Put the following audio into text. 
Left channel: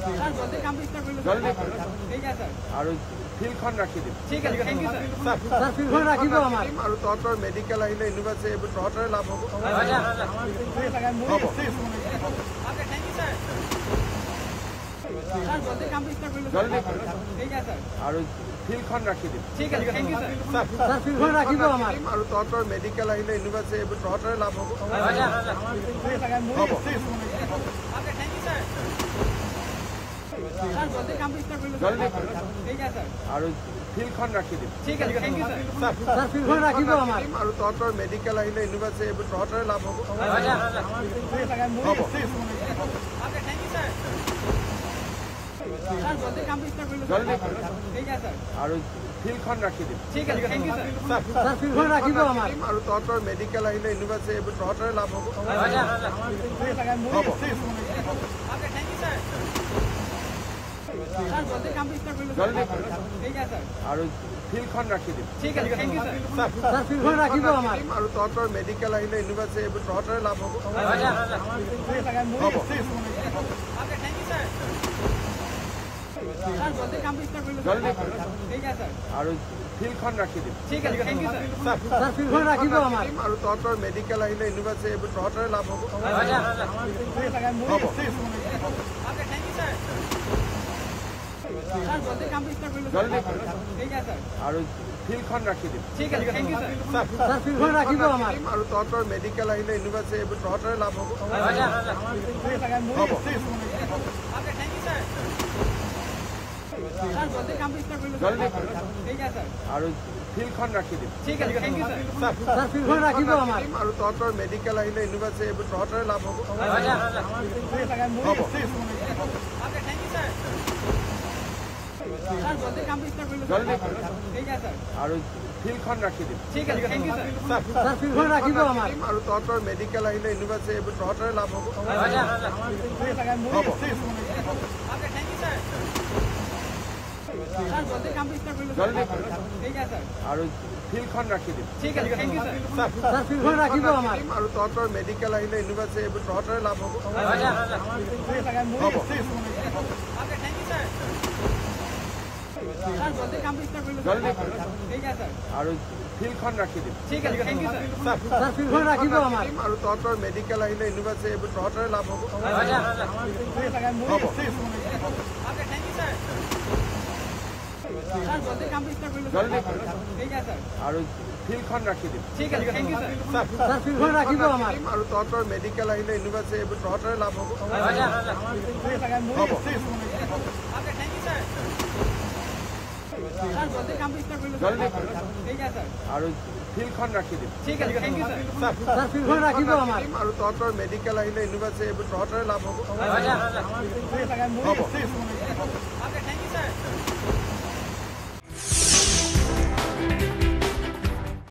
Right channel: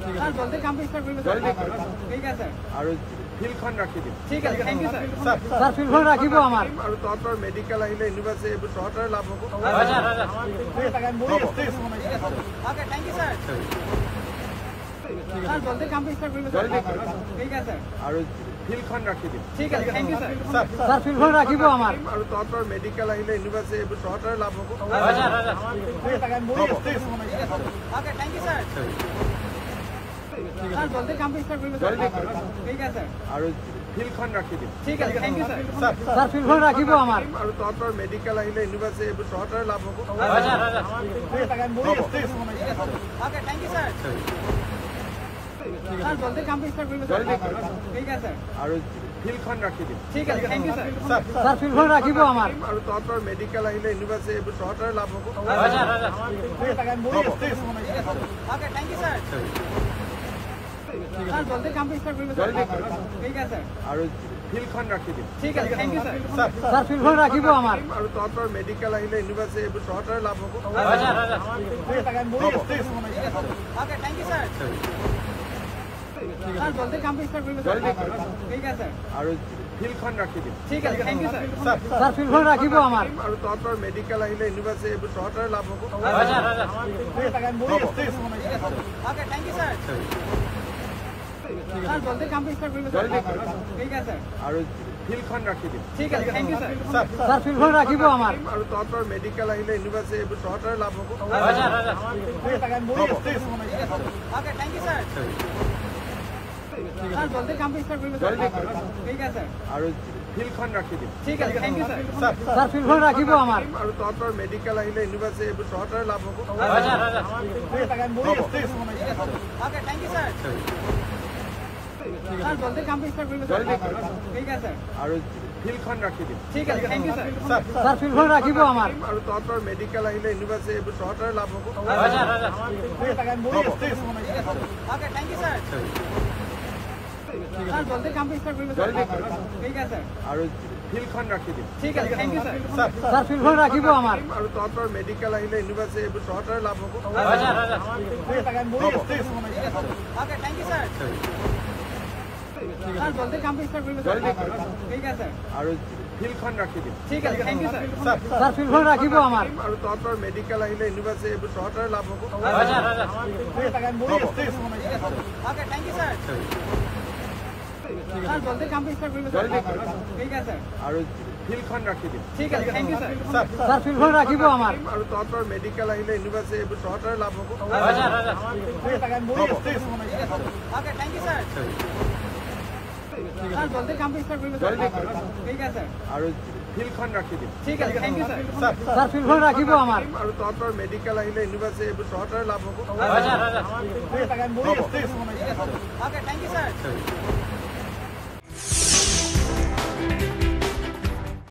জলদি কমপ্লিট কৰি লওক জলদি ঠিক আছে আৰু ফিল্ডখন ৰাখি দিম ঠিক আছে থ্যাংক ইউ স্যাৰ স্যাৰ ফিল্ডখন ৰাখিব আমাৰ আৰু তহঁতৰ মেডিকেল আহিলে ইউনিভাৰ্চিটি এইবোৰ তহঁতৰে লাভ হ'ব আমাৰ ফিল্ডখন লাগে মোৰ হ'ব। Okay thank you sir sir জলদি কমপ্লিট কৰি লওক জলদি ঠিক আছে আৰু ফিল্ডখন ৰাখি দিম ঠিক আছে thank you sir sir sir ফিল্ডখন ৰাখিব আমাৰ আৰু তহঁতৰ মেডিকেল আহিলে ইউনিভাৰ্চিটি এইবোৰ তহঁতৰে লাভ হ'ব আমাৰ ফিল্ডখন লাগে মোৰ হ'ব। Okay thank you sir sir জলদি কমপ্লিট কৰি লওক জলদি ঠিক আছে আৰু ফিল্ডখন ৰাখি দিম ঠিক আছে thank you sir sir sir ফিল্ডখন ৰাখিব আমাৰ আৰু তহঁতৰ মেডিকেল আহিলে ইউনিভাৰ্চিটি এইবোৰ তহঁতৰে লাভ হ'ব আমাৰ ফিল্ডখন লাগে মোৰ হ'ব। Okay thank you sir sir জলদি কমপ্লিট কৰি লওক জলদি ঠিক আছে আৰু ফিল্ডখন ৰাখি দিম ঠিক আছে thank you sir sir sir ফিল্ডখন ৰাখিব আমাৰ আৰু তহঁতৰ মেডিকেল আহিলে ইউনিভাৰ্চিটি এইবোৰ তহঁতৰে লাভ হ'ব আমাৰ ফিল্ডখন লাগে মোৰ হ'ব। Okay thank you sir sir জলদি কমপ্লিট কৰি লওক জলদি ঠিক আছে আৰু ফিল্ডখন ৰাখি দিম ঠিক আছে thank you sir sir sir ফিল্ডখন ৰাখিব আমাৰ আৰু তহঁতৰ মেডিকেল আহিলে ইউনিভাৰ্চিটি এইবোৰ তহঁতৰে লাভ হ'ব আমাৰ ফিল্ডখন লাগে মোৰ হ'ব। Okay thank you sir sir জলদি কমপ্লিট কৰি লওক জলদি ঠিক আছে আৰু ফিল্ডখন ৰাখি দিম ঠিক আছে thank you sir sir sir ফিল্ডখন ৰাখিব আমাৰ আৰু তহঁতৰ মেডিকেল আহিলে ইউনিভাৰ্চিটি এইবোৰ তহঁতৰে লাভ হ'ব আমাৰ ফিল্ডখন লাগে মোৰ হ'ব। Okay thank you sir sir জলদি কমপ্লিট কৰি লওক জলদি ঠিক আছে আৰু ফিল্ডখন ৰাখি দিম ঠিক আছে thank you sir sir sir ফিল্ডখন ৰাখিব আমাৰ আৰু তহঁতৰ মেডিকেল আহিলে ইউনিভাৰ্চিটি এইবোৰ তহঁতৰে লাভ হ'ব আমাৰ ফিল্ডখন লাগে মোৰ হ'ব। Okay thank you sir sir জলদি কমপ্লিট কৰি লওক জলদি ঠিক আছে আৰু ফিল্ডখন ৰাখি দিম ঠিক আছে thank you sir sir sir ফিল্ডখন ৰাখিব আমাৰ আৰু তহঁতৰ মেডিকেল আহিলে ইউনিভাৰ্চিটি এইবোৰ তহঁতৰে লাভ হ'ব আমাৰ ফিল্ডখন লাগে মোৰ হ'ব। Okay thank you sir sir জলদি কমপ্লিট কৰি লওক জলদি ঠিক আছে আৰু ফিল্ডখন ৰাখি দিম ঠিক আছে thank you sir sir sir ফিল্ডখন ৰাখিব আমাৰ আৰু তহঁতৰ মেডিকেল আহিলে ইউনিভাৰ্চিটি এইবোৰ তহঁতৰে লাভ হ'ব আমাৰ ফিল্ডখন লাগে মোৰ হ'ব। Okay thank you sir sir জলদি কমপ্লিট কৰি লওক জলদি ঠিক আছে আৰু ফিল্ডখন ৰাখি দিম ঠিক আছে thank you sir sir sir ফিল্ডখন ৰাখিব আমাৰ আৰু তহঁতৰ মেডিকেল আহিলে ইউনিভাৰ্চিটি এইবোৰ তহঁতৰে লাভ হ'ব আমাৰ ফিল্ডখন লাগে মোৰ হ'ব। Okay thank you sir sir জলদি কমপ্লিট কৰি লওক জলদি ঠিক আছে আৰু ফিল্ডখন ৰাখি দিম ঠিক আছে thank you sir sir sir ফিল্ডখন ৰাখিব আমাৰ আৰু তহঁতৰ মেডিকেল আহিলে ইউনিভাৰ্চিটি এইবোৰ তহঁতৰে লাভ হ'ব আমাৰ ফিল্ডখন লাগে মোৰ হ'ব। Okay thank you sir sir জলদি কমপ্লিট কৰি লওক জলদি ঠিক আছে আৰু ফিল্ডখন ৰাখি দিম ঠিক আছে thank you sir sir sir ফিল্ডখন ৰাখিব আমাৰ আৰু তহঁতৰ মেডিকেল আহিলে ইউনিভাৰ্চিটি এইবোৰ তহঁতৰে লাভ হ'ব আমাৰ ফিল্ডখন লাগে মোৰ হ'ব। Okay thank you sir sir জলদি কমপ্লিট কৰি লওক জলদি ঠিক আছে আৰু ফিল্ডখন ৰাখি দিম ঠিক আছে thank you sir sir sir ফিল্ডখন ৰাখিব আমাৰ আৰু তহঁতৰ মেডিকেল আহিলে ইউনিভাৰ্চিটি এইবোৰ তহঁতৰে লাভ হ'ব আমাৰ ফিল্ডখন লাগে মোৰ হ'ব।